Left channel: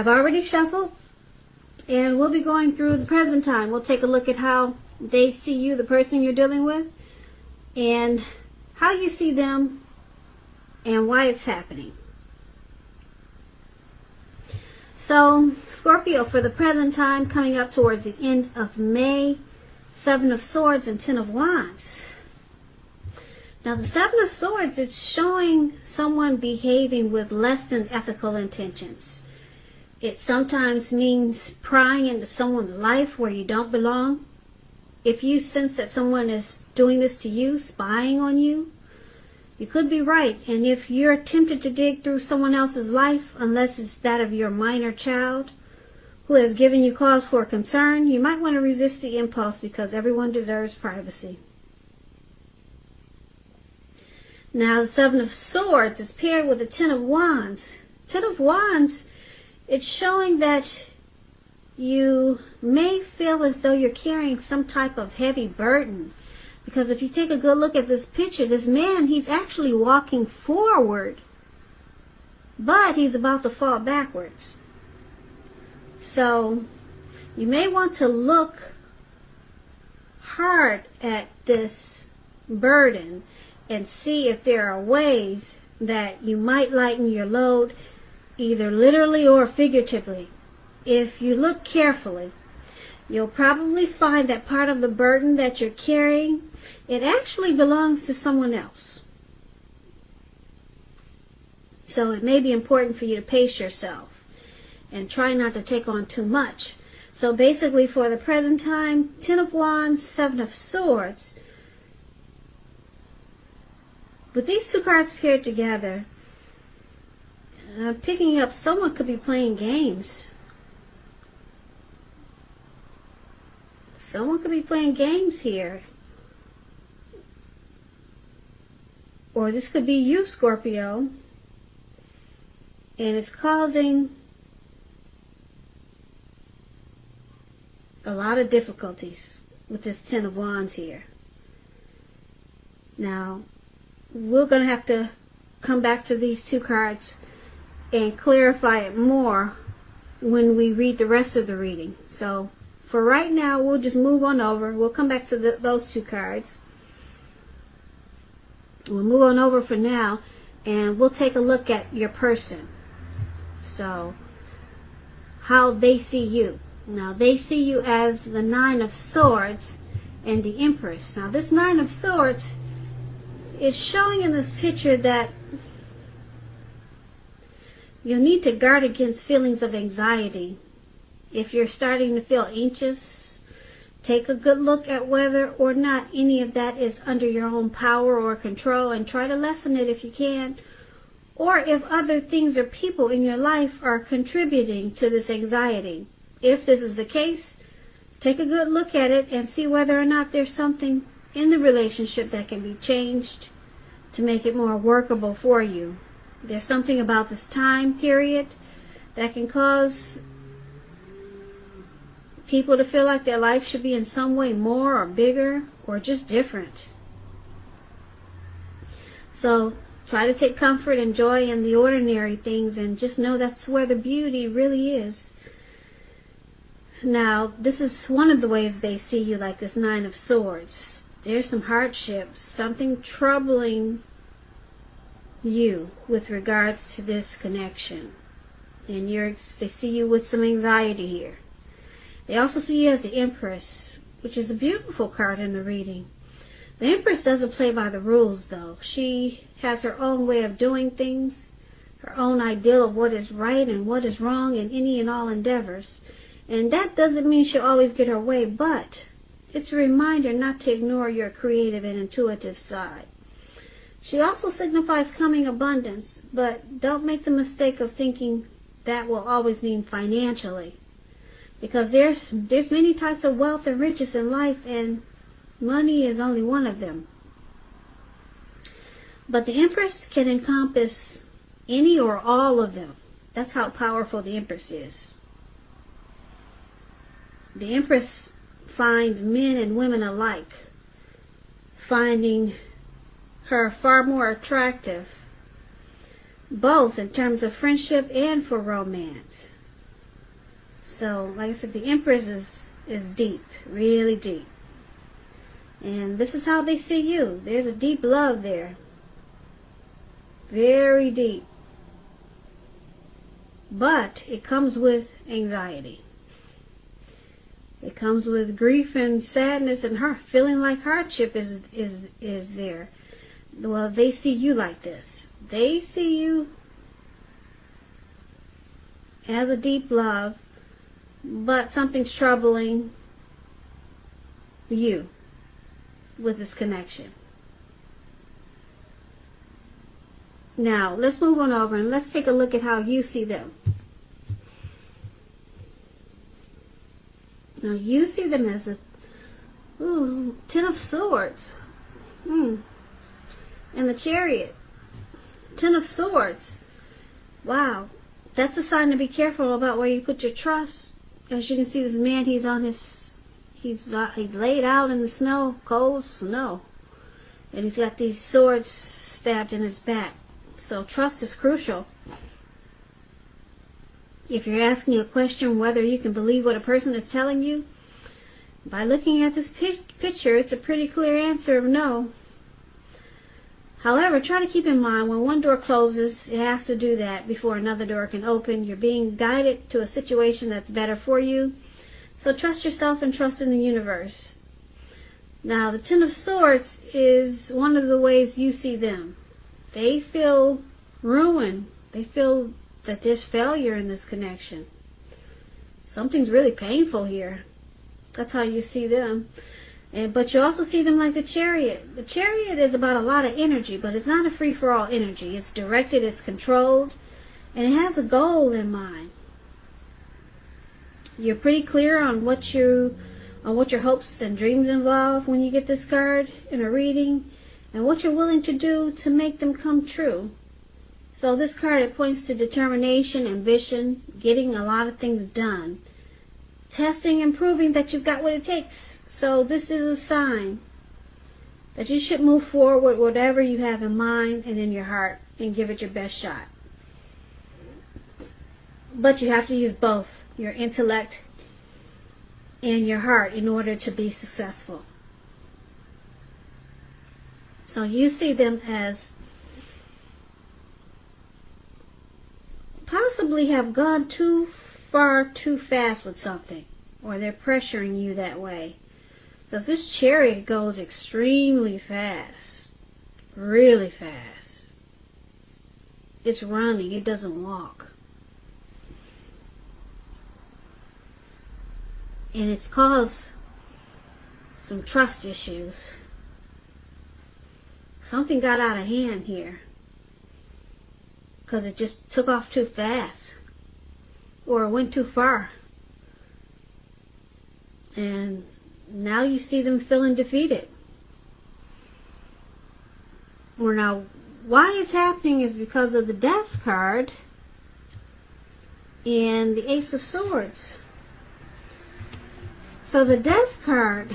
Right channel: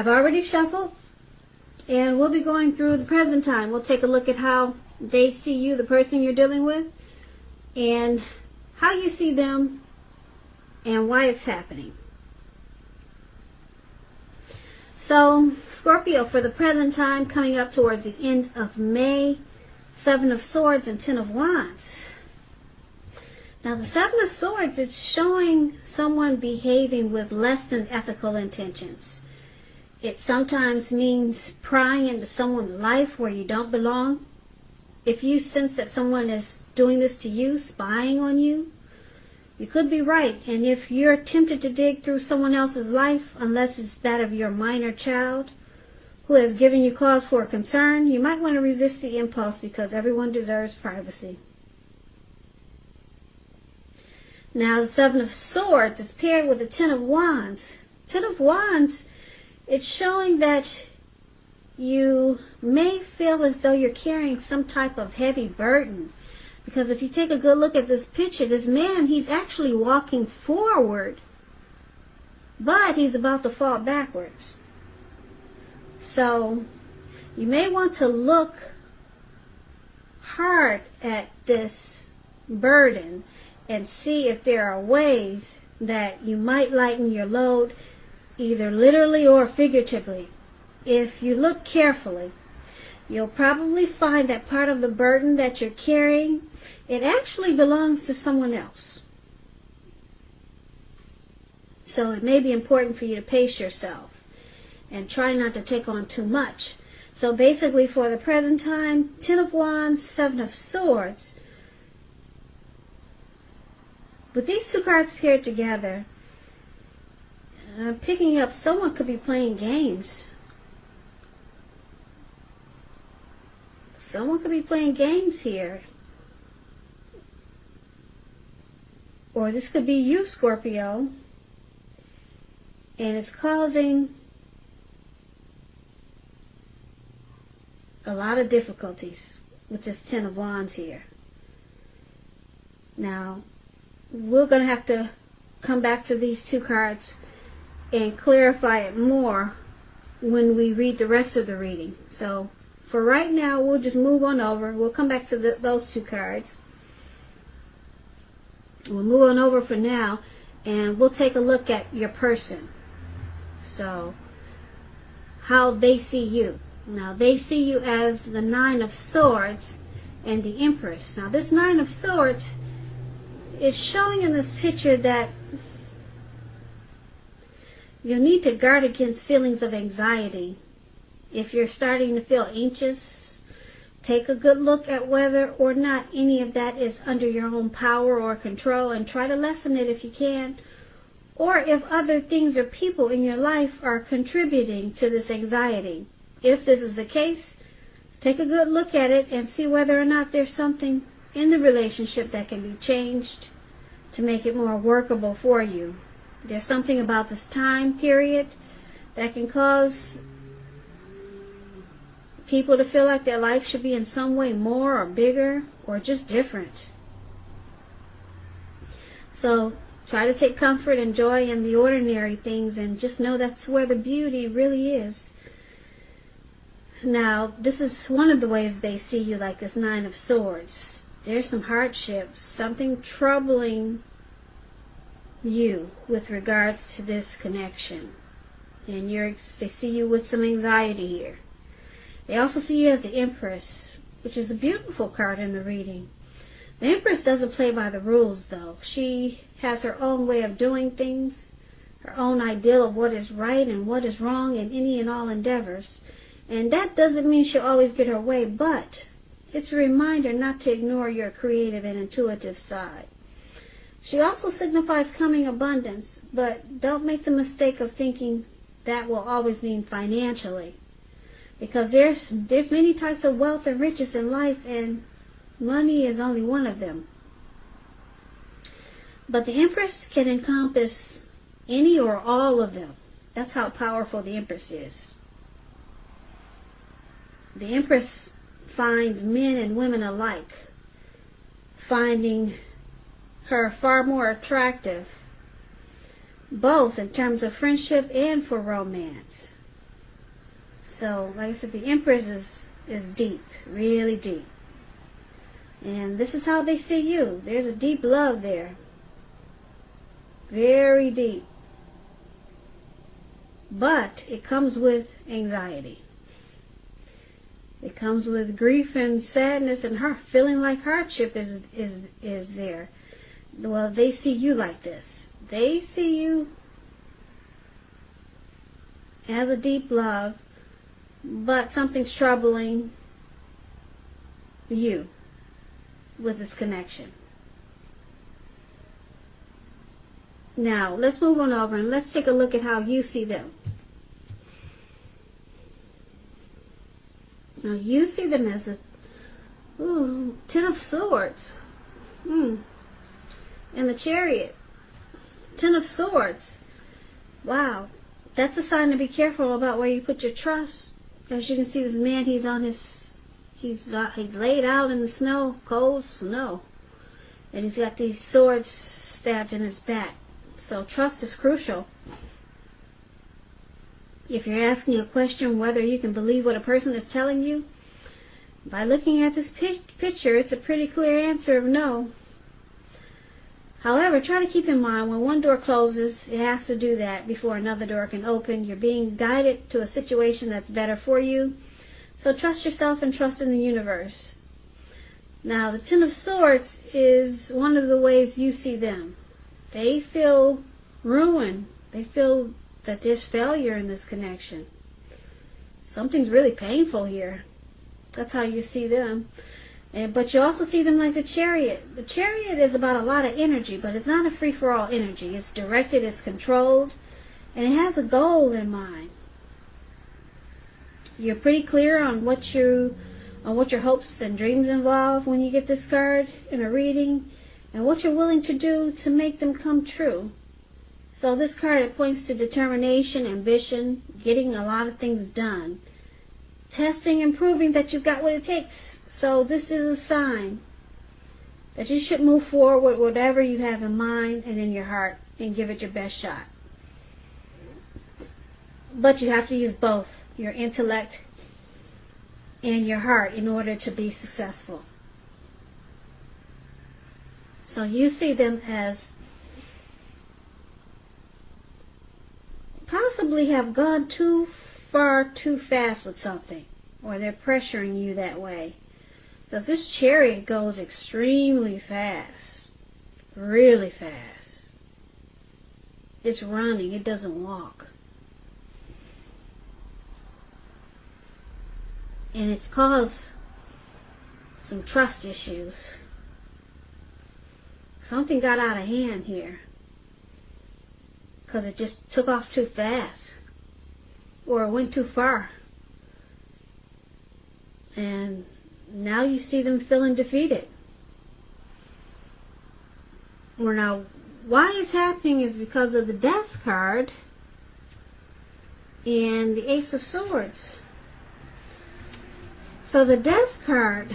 I've already shuffled, and we'll be going through the present time. We'll take a look at how they see you, the person you're dealing with, and how you see them, and why it's happening. So, Scorpio, for the present time, coming up towards the end of May, 7 of Swords and 10 of Wands. Now, the 7 of Swords, it's showing someone behaving with less than ethical intentions. It sometimes means prying into someone's life where you don't belong. If you sense that someone is doing this to you, spying on you, you could be right. And if you're tempted to dig through someone else's life, unless it's that of your minor child who has given you cause for concern, you might want to resist the impulse, because everyone deserves privacy. Now, the 7 of Swords is paired with the 10 of Wands. 10 of Wands, it's showing that you may feel as though you're carrying some type of heavy burden. Because if you take a good look at this picture, this man, he's actually walking forward, but he's about to fall backwards. So, you may want to look hard at this burden and see if there are ways that you might lighten your load, either literally or figuratively. If you look carefully, you'll probably find that part of the burden that you're carrying, it actually belongs to someone else. So it may be important for you to pace yourself and try not to take on too much. So basically, for the present time, 10 of Wands, 7 of Swords. But these two cards paired together, picking up, someone could be playing games. Someone could be playing games here. Or this could be you, Scorpio. And it's causing a lot of difficulties with this 10 of Wands here. Now, we're going to have to come back to these two cards and clarify it more when we read the rest of the reading. So, for right now, we'll just move on over. We'll come back to those two cards. We'll move on over for now, and we'll take a look at your person. So, how they see you. Now, they see you as the 9 of Swords and the Empress. Now, this 9 of Swords is showing in this picture that you'll need to guard against feelings of anxiety. If you're starting to feel anxious, take a good look at whether or not any of that is under your own power or control, and try to lessen it if you can. Or if other things or people in your life are contributing to this anxiety. If this is the case, take a good look at it and see whether or not there's something in the relationship that can be changed to make it more workable for you. There's something about this time period that can cause people to feel like their life should be in some way more or bigger or just different. So try to take comfort and joy in the ordinary things, and just know that's where the beauty really is. Now, this is one of the ways they see you, like this 9 of Swords. There's some hardships, something troubling you with regards to this connection. And they see you with some anxiety here. They also see you as the Empress, which is a beautiful card in the reading. The Empress doesn't play by the rules, though. She has her own way of doing things, her own ideal of what is right and what is wrong in any and all endeavors. And that doesn't mean she'll always get her way, but it's a reminder not to ignore your creative and intuitive side. She also signifies coming abundance, but don't make the mistake of thinking that will always mean financially. Because there's many types of wealth and riches in life, and money is only one of them. But the Empress can encompass any or all of them. That's how powerful the Empress is. The Empress finds men and women alike, finding her far more attractive, both in terms of friendship and for romance. So, like I said, the Empress is deep, really deep. And this is how they see you. There's a deep love there. Very deep. But it comes with anxiety. It comes with grief and sadness and feeling like hardship is there. Well, they see you like this. They see you as a deep love, but something's troubling you with this connection. Now, let's move on over and let's take a look at how you see them. Now, you see them as a Ten of Swords. And the Chariot. Ten of Swords. Wow. That's a sign to be careful about where you put your trust. As you can see, this man, he's laid out in the snow, cold snow. And he's got these swords stabbed in his back. So trust is crucial. If you're asking a question whether you can believe what a person is telling you, by looking at this picture, it's a pretty clear answer of no. However, try to keep in mind when one door closes, it has to do that before another door can open. You're being guided to a situation that's better for you. So trust yourself and trust in the universe. Now, the Ten of Swords is one of the ways you see them. They feel ruin. They feel that there's failure in this connection. Something's really painful here. That's how you see them. But you also see them like the Chariot. The Chariot is about a lot of energy, but it's not a free-for-all energy. It's directed, it's controlled, and it has a goal in mind. You're pretty clear on what your hopes and dreams involve when you get this card in a reading, and what you're willing to do to make them come true. So this card, it points to determination, ambition, getting a lot of things done. Testing and proving that you've got what it takes. So this is a sign that you should move forward with whatever you have in mind and in your heart and give it your best shot. But you have to use both your intellect and your heart in order to be successful. So you see them as possibly have gone too far too fast with something, or they're pressuring you that way. Because this Chariot goes extremely fast, really fast. It's running, it doesn't walk. And it's caused some trust issues. Something got out of hand here, because it just took off too fast. Or it went too far. And now you see them feeling defeated. Well, now, why it's happening is because of the Death card and the Ace of Swords. So the Death card,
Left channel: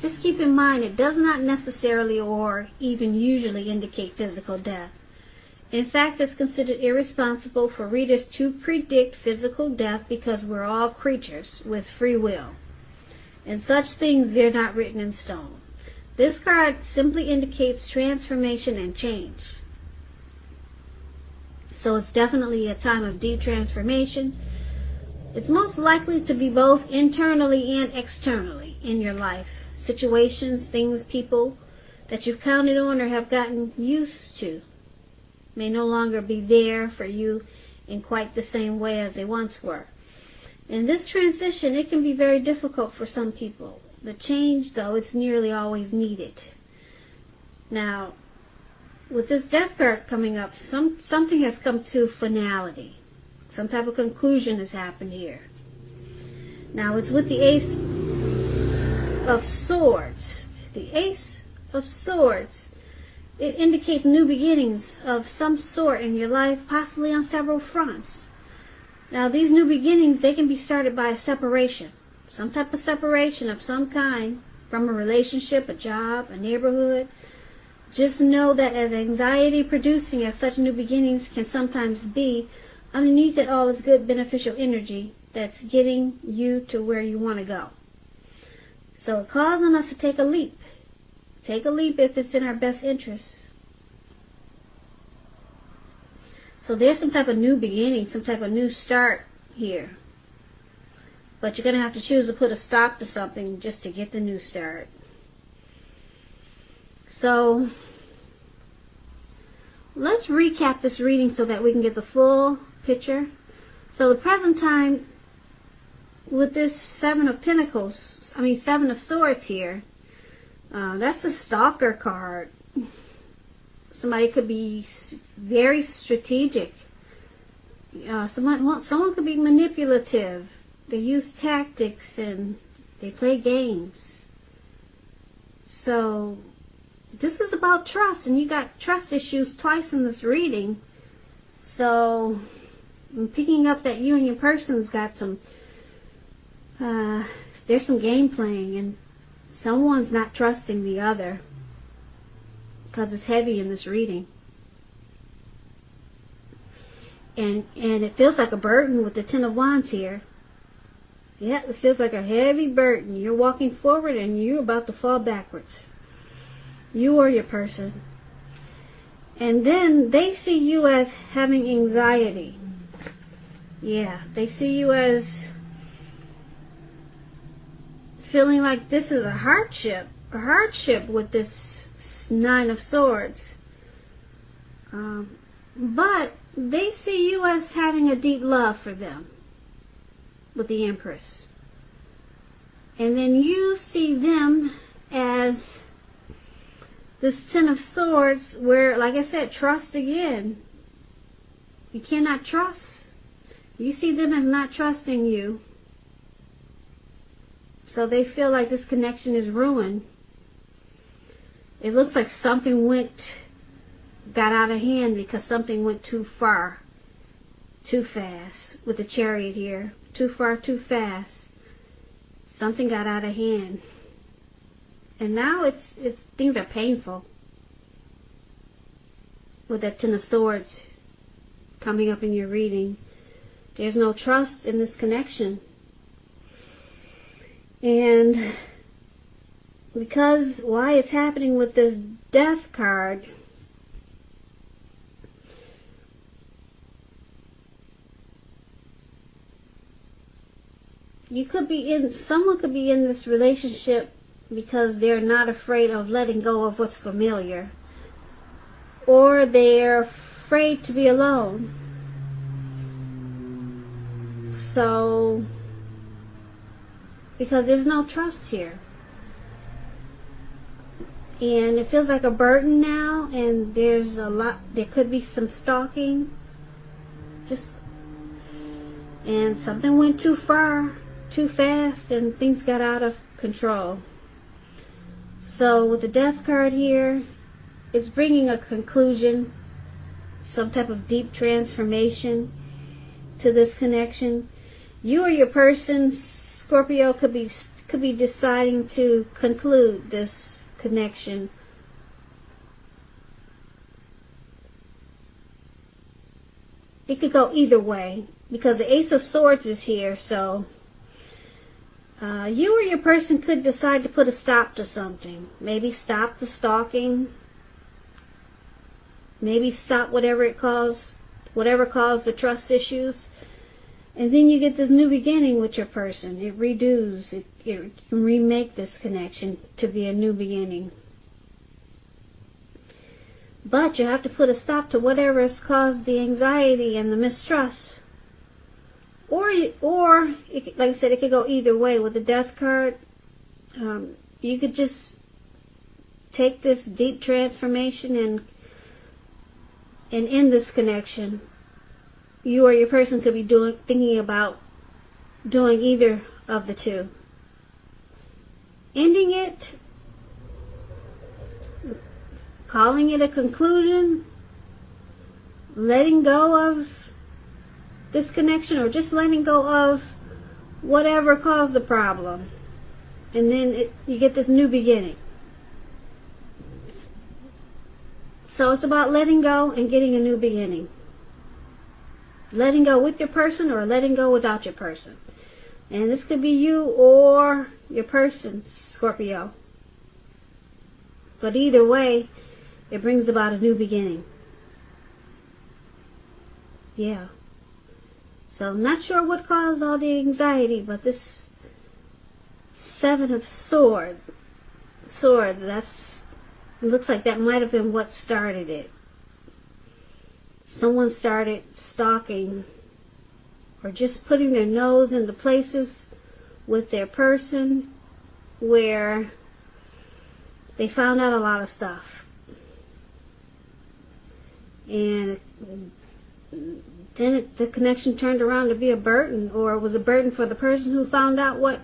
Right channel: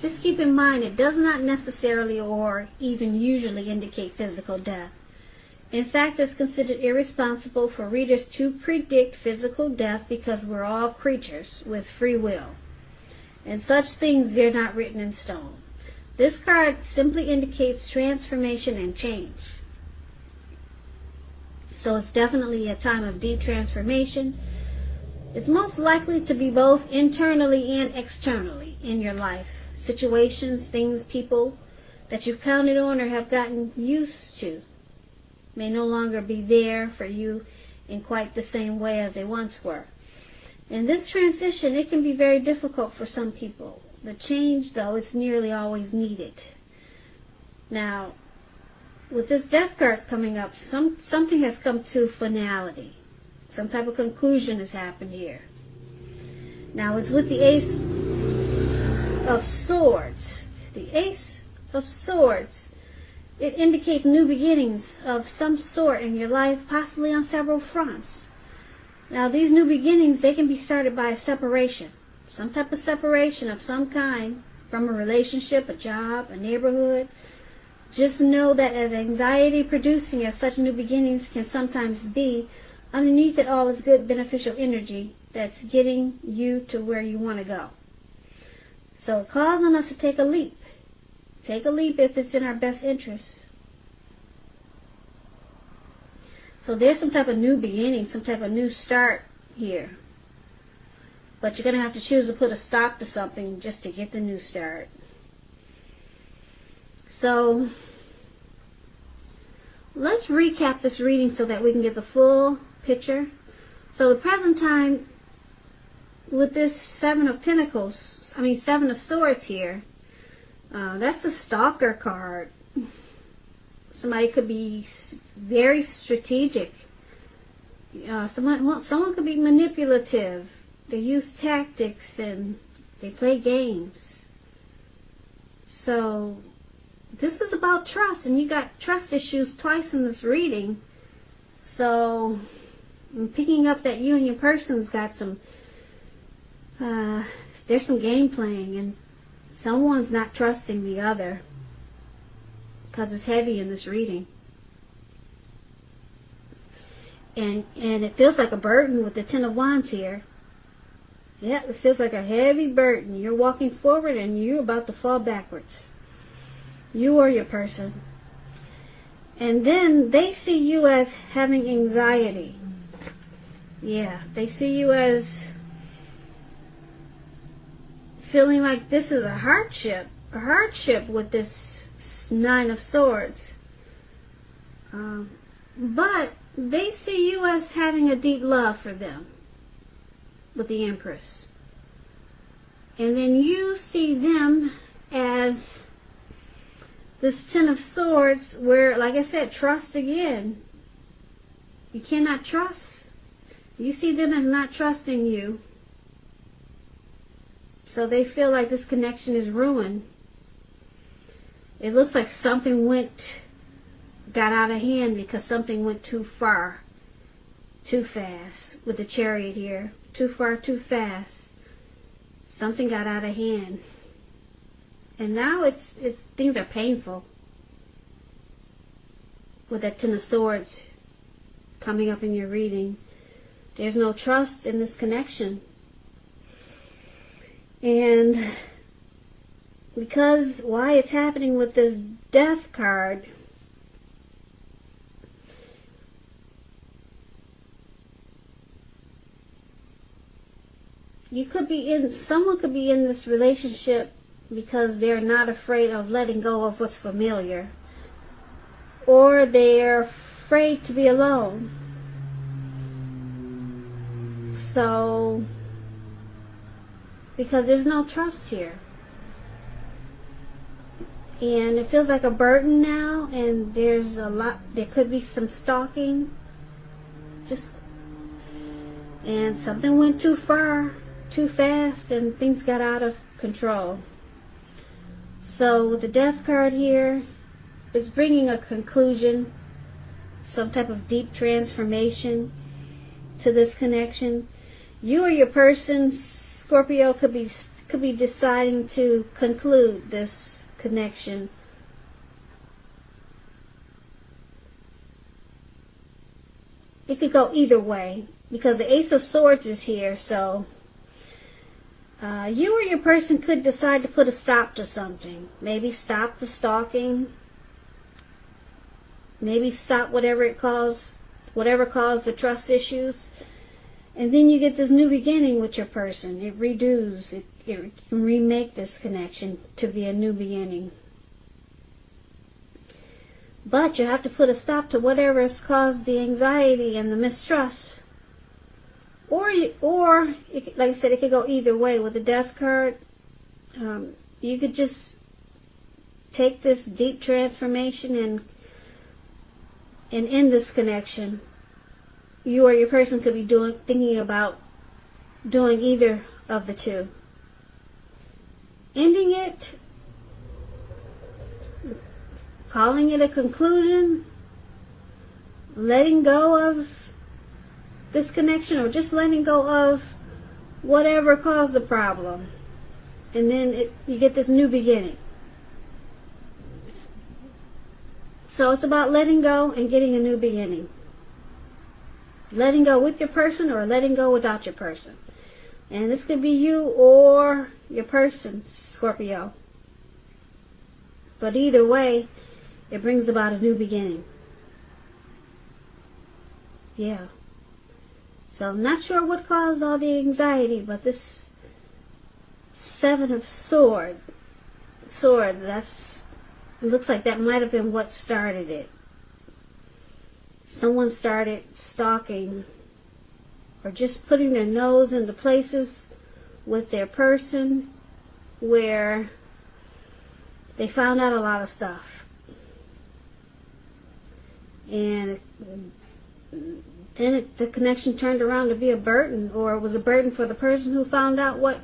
just keep in mind, it does not necessarily or even usually indicate physical death. In fact, it's considered irresponsible for readers to predict physical death because we're all creatures with free will. And such things, they're not written in stone. This card simply indicates transformation and change. So it's definitely a time of deep transformation. It's most likely to be both internally and externally in your life. Situations, things, people that you've counted on or have gotten used to may no longer be there for you in quite the same way as they once were. In this transition, it can be very difficult for some people. The change, though, it's nearly always needed. Now, with this Death card coming up, something has come to finality. Some type of conclusion has happened here. Now, it's with the Ace of Swords. The Ace of Swords, it indicates new beginnings of some sort in your life, possibly on several fronts. Now, these new beginnings, they can be started by a separation. Some type of separation of some kind from a relationship, a job, a neighborhood. Just know that as anxiety producing as such new beginnings can sometimes be, underneath it all is good beneficial energy that's getting you to where you want to go. So it calls on us to take a leap. Take a leap if it's in our best interest. So there's some type of new beginning, some type of new start here. But you're going to have to choose to put a stop to something just to get the new start. So let's recap this reading so that we can get the full picture. So the present time with this Seven of Swords here, that's a stalker card. Somebody could be very strategic. Someone could be manipulative. They use tactics and they play games. So this is about trust, and you got trust issues twice in this reading. So I'm picking up that you and your person's got some, there's some game playing, and someone's not trusting the other because it's heavy in this reading. And it feels like a burden with the Ten of Wands here. Yeah, it feels like a heavy burden. You're walking forward and you're about to fall backwards. You or your person. And then they see you as having anxiety. Yeah, they see you as feeling like this is a hardship with this Nine of Swords. But they see you as having a deep love for them with the Empress. And then you see them as this Ten of Swords where, like I said, trust again. You cannot trust. You see them as not trusting you. So they feel like this connection is ruined. It looks like something got out of hand because something went too far, too fast with the Chariot here. Too far, too fast. Something got out of hand. And now things are painful with that Ten of Swords coming up in your reading. There's no trust in this connection. And because why it's happening with this Death card, someone could be in this relationship because they're not afraid of letting go of what's familiar. Or they're afraid to be alone. So, because there's no trust here. And it feels like a burden now, and there could be some stalking. And something went too far, too fast, and things got out of control. So with the Death card here, it's bringing a conclusion, some type of deep transformation to this connection. You or your person, Scorpio, could be deciding to conclude this connection. It could go either way because the Ace of Swords is here, so you or your person could decide to put a stop to something. Maybe stop the stalking. Maybe stop whatever caused the trust issues. And then you get this new beginning with your person. It redos. It can remake this connection to be a new beginning. But you have to put a stop to whatever has caused the anxiety and the mistrust. Or like I said, it could go either way. With the Death card, you could just take this deep transformation and end this connection. You or your person could be thinking about doing either of the two. Ending it, calling it a conclusion, letting go of this connection, or just letting go of whatever caused the problem. And then you get this new beginning. So it's about letting go and getting a new beginning. letting go with your person or letting go without your person. And this could be you or your person, Scorpio. But either way, it brings about a new beginning. Yeah. So I'm not sure what caused all the anxiety, but this Seven of Swords, it looks like that might have been what started it. Someone started stalking or just putting their nose into places with their person where they found out a lot of stuff. And then the connection turned around to be a burden, or it was a burden for the person who found out what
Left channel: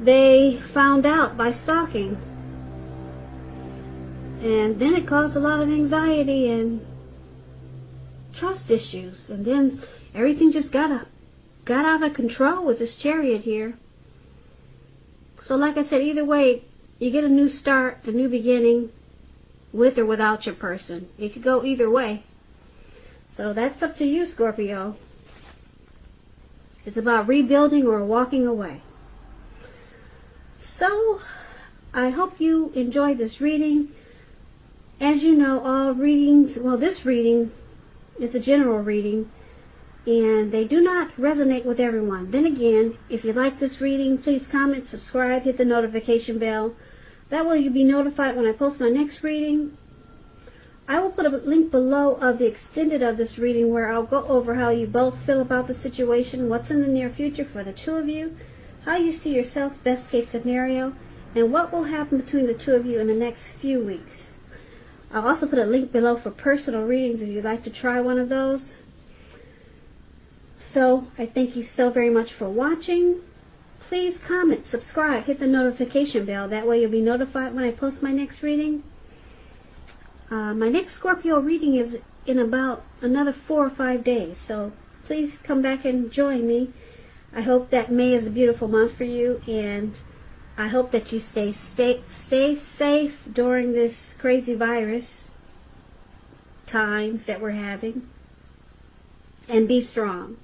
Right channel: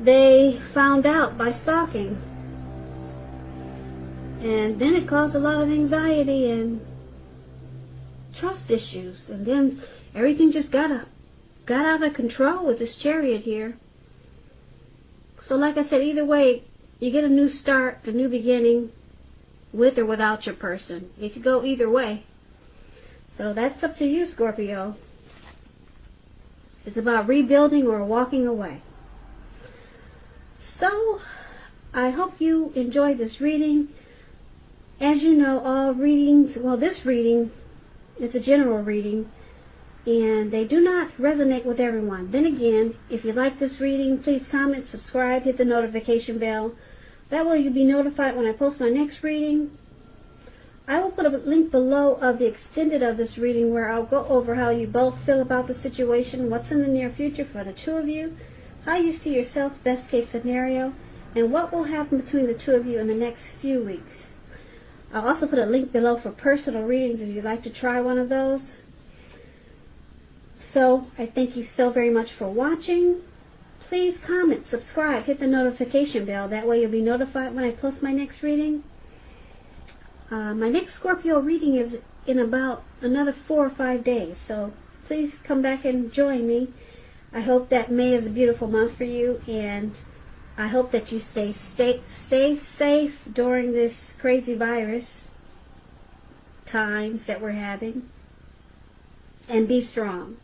they found out by stalking. And then it caused a lot of anxiety and trust issues. And then everything just got out of control with this Chariot here. So like I said, either way, you get a new start, a new beginning, with or without your person. You could go either way. So that's up to you, Scorpio. It's about rebuilding or walking away. So, I hope you enjoyed this reading. As you know, all readings, well, this reading, it's a general reading, and they do not resonate with everyone. Then again, if you like this reading, please comment, subscribe, hit the notification bell. That way you'll be notified when I post my next reading. I will put a link below of the extended of this reading where I'll go over how you both feel about the situation, what's in the near future for the two of you, how you see yourself, best case scenario, and what will happen between the two of you in the next few weeks. I'll also put a link below for personal readings if you'd like to try one of those. So, I thank you so very much for watching. Please comment, subscribe, hit the notification bell. That way you'll be notified when I post my next reading. My next Scorpio reading is in about another 4 or 5 days. So please come back and join me. I hope that May is a beautiful month for you. And I hope that you stay safe during this crazy virus times that we're having. And be strong.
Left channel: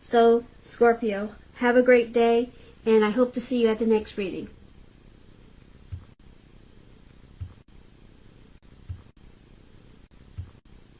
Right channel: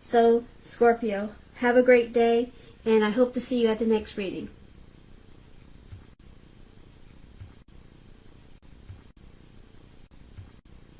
So, Scorpio, have a great day. And I hope to see you at the next reading.